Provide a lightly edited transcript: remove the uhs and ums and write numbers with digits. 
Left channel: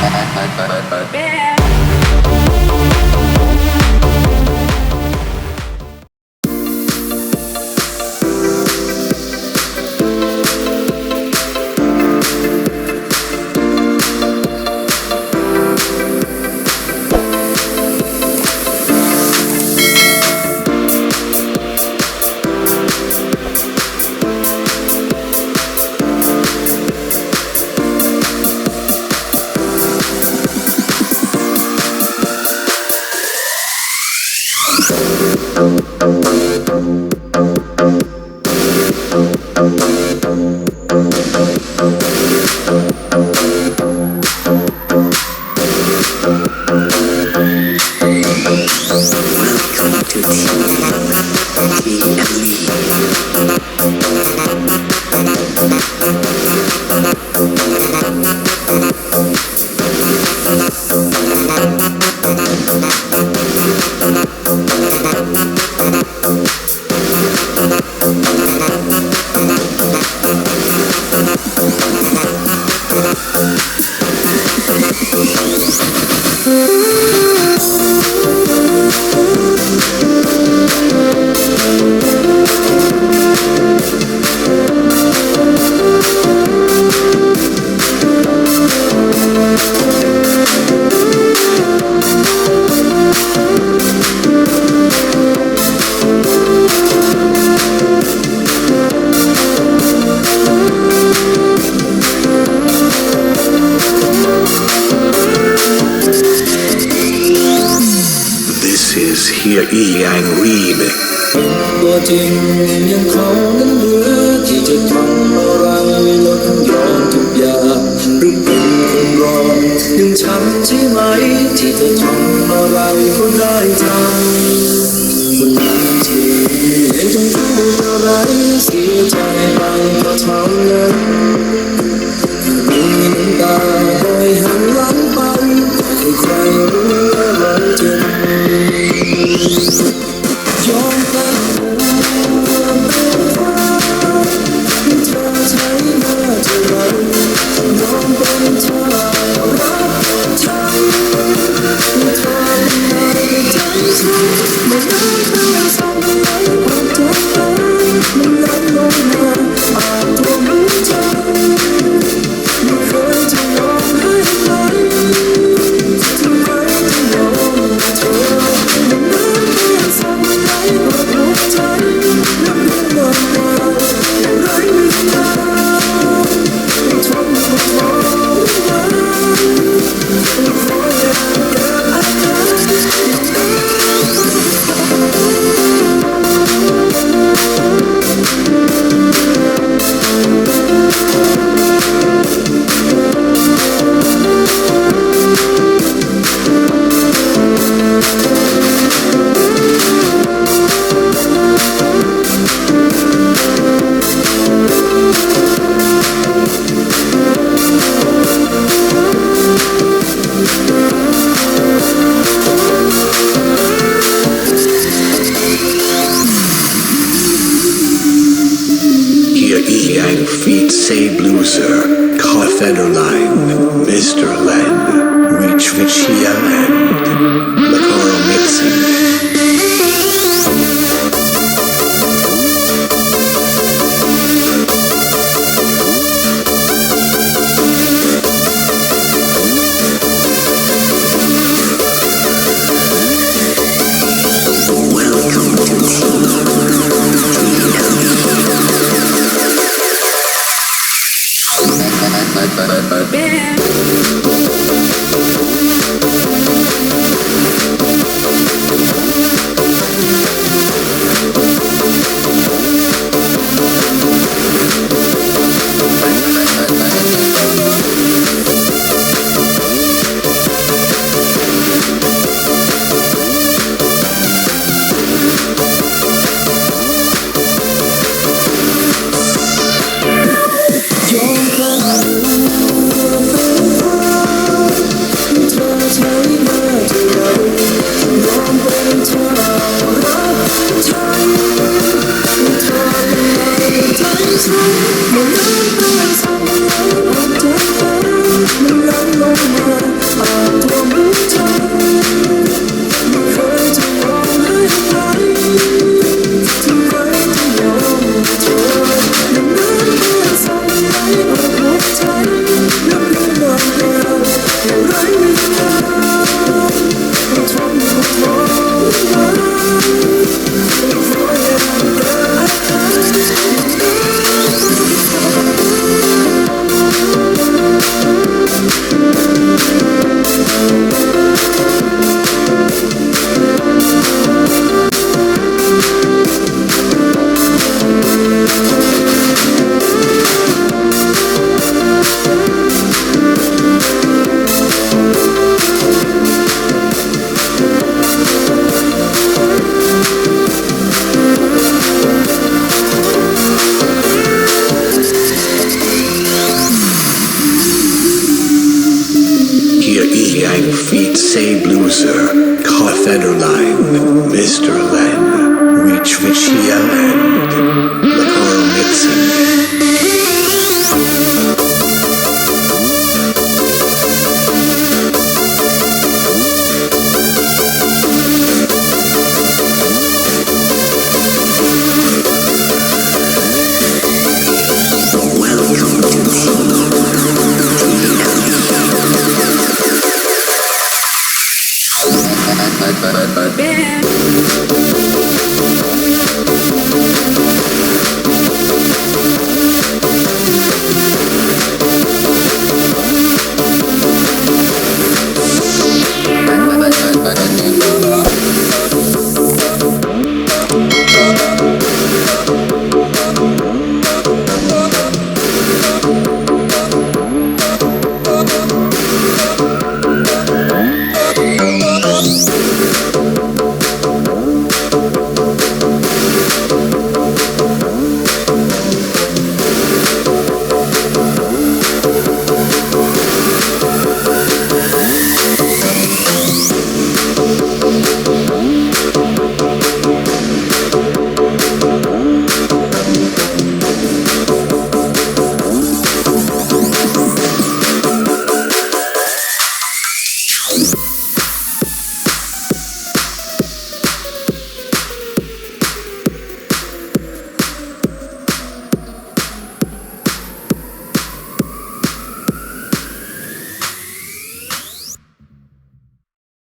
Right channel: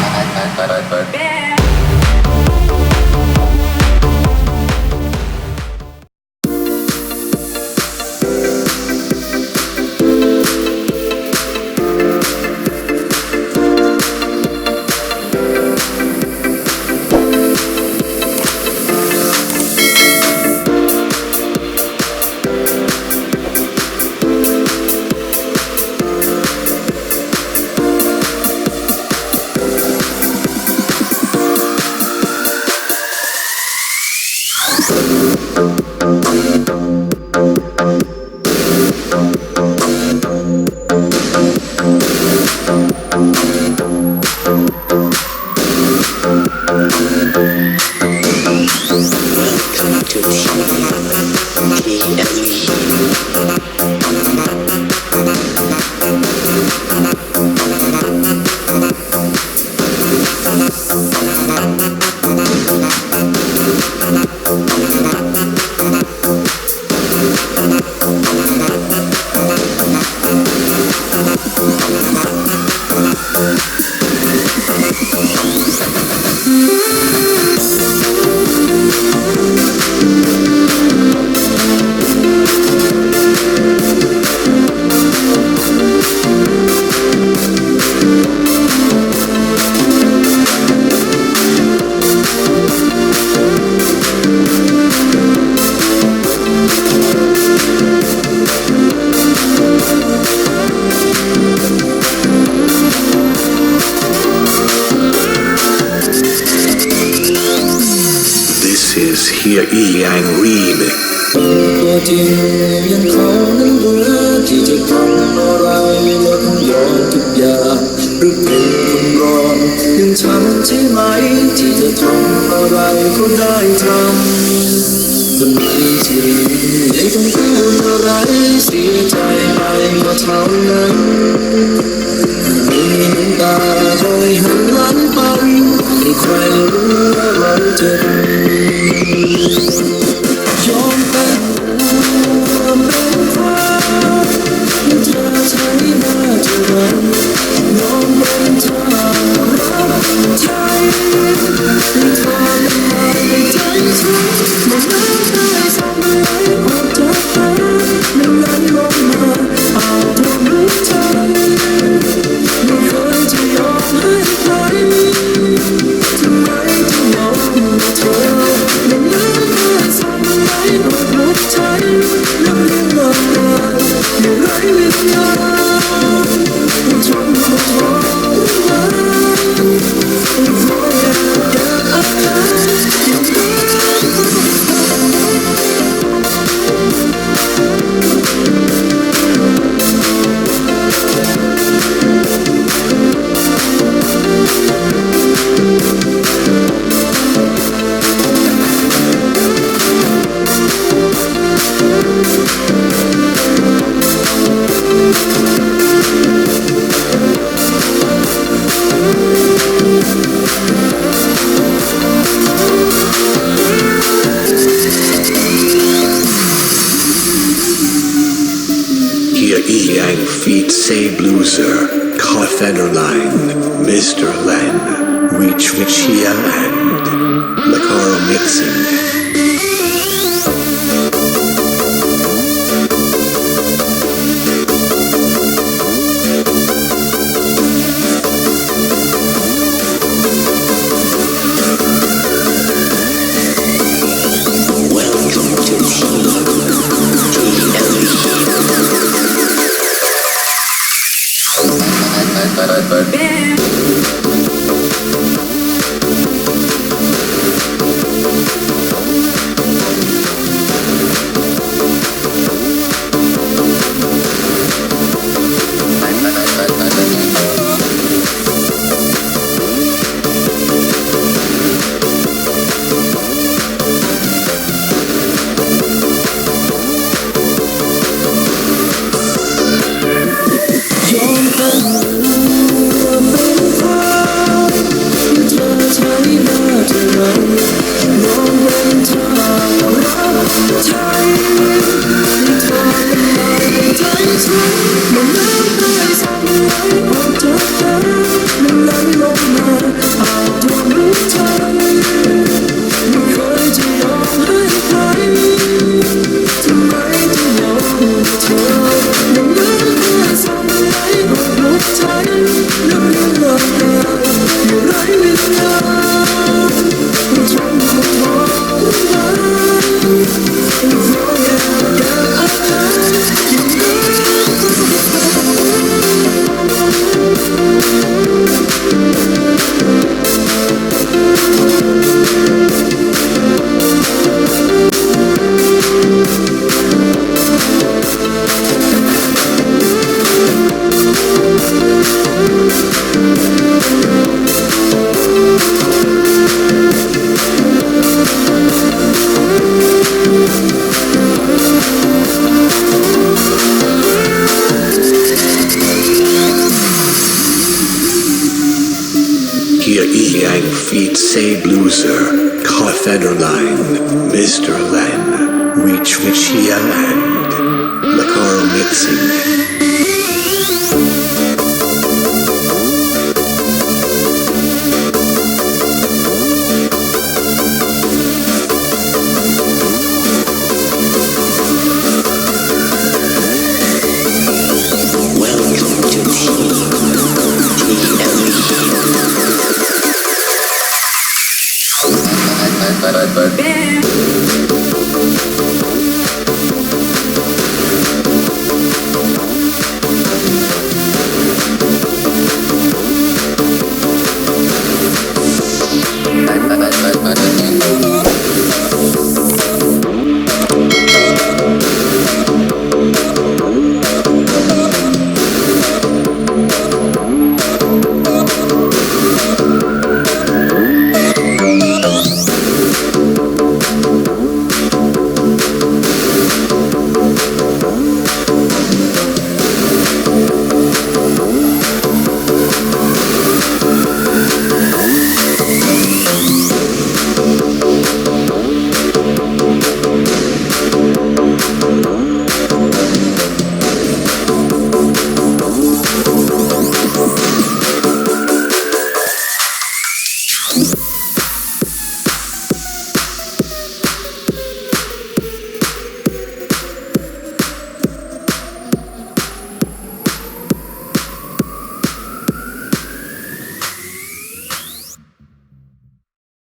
𝕻𝖊𝖓𝖌ตัวจริงยังเขานั้นเบื่อที่จะทำอะไรลดย้อนทุกอย่างหรือเป็นคนร้อนยังฉันใช่ไหมที่จะทำอะไรก็ได้ทำคนนี้ที่ยังต้องพูดอะไรเสียใจไปก็เท่านั้นมีน้ำตาคอยหันหลังไปให้ใครรู้ว่าเราจะยอมเป็นเป็นความที่เธอใช้มาจะรักยอมเป็นเธอรักใจที่เธอเป็นนายในใจฉันไม่น้ำตาสั่งไหลออกจากตามันไหลลงมาอาบท่วมหัวใจไม่เคยจะยอมให้ใครทำไมถึงยอมเธอมันน้ำตาสั่งไหลออกหัวใจนับเรื่องราวไม่ไร้วิญญาณทนไม่พอหรือว่าขออย่าเก็บอาการอย่างนั้น 𝕻𝖊𝖓𝖌 𝕻𝖊𝖓𝖌 Mr. Len 𝕻𝖊𝖓𝖓 mixing Hier yang feet say blueser, 𝕻𝖊𝖓𝖌 Mr. Len, reach Vichia land, Lacaro mixing.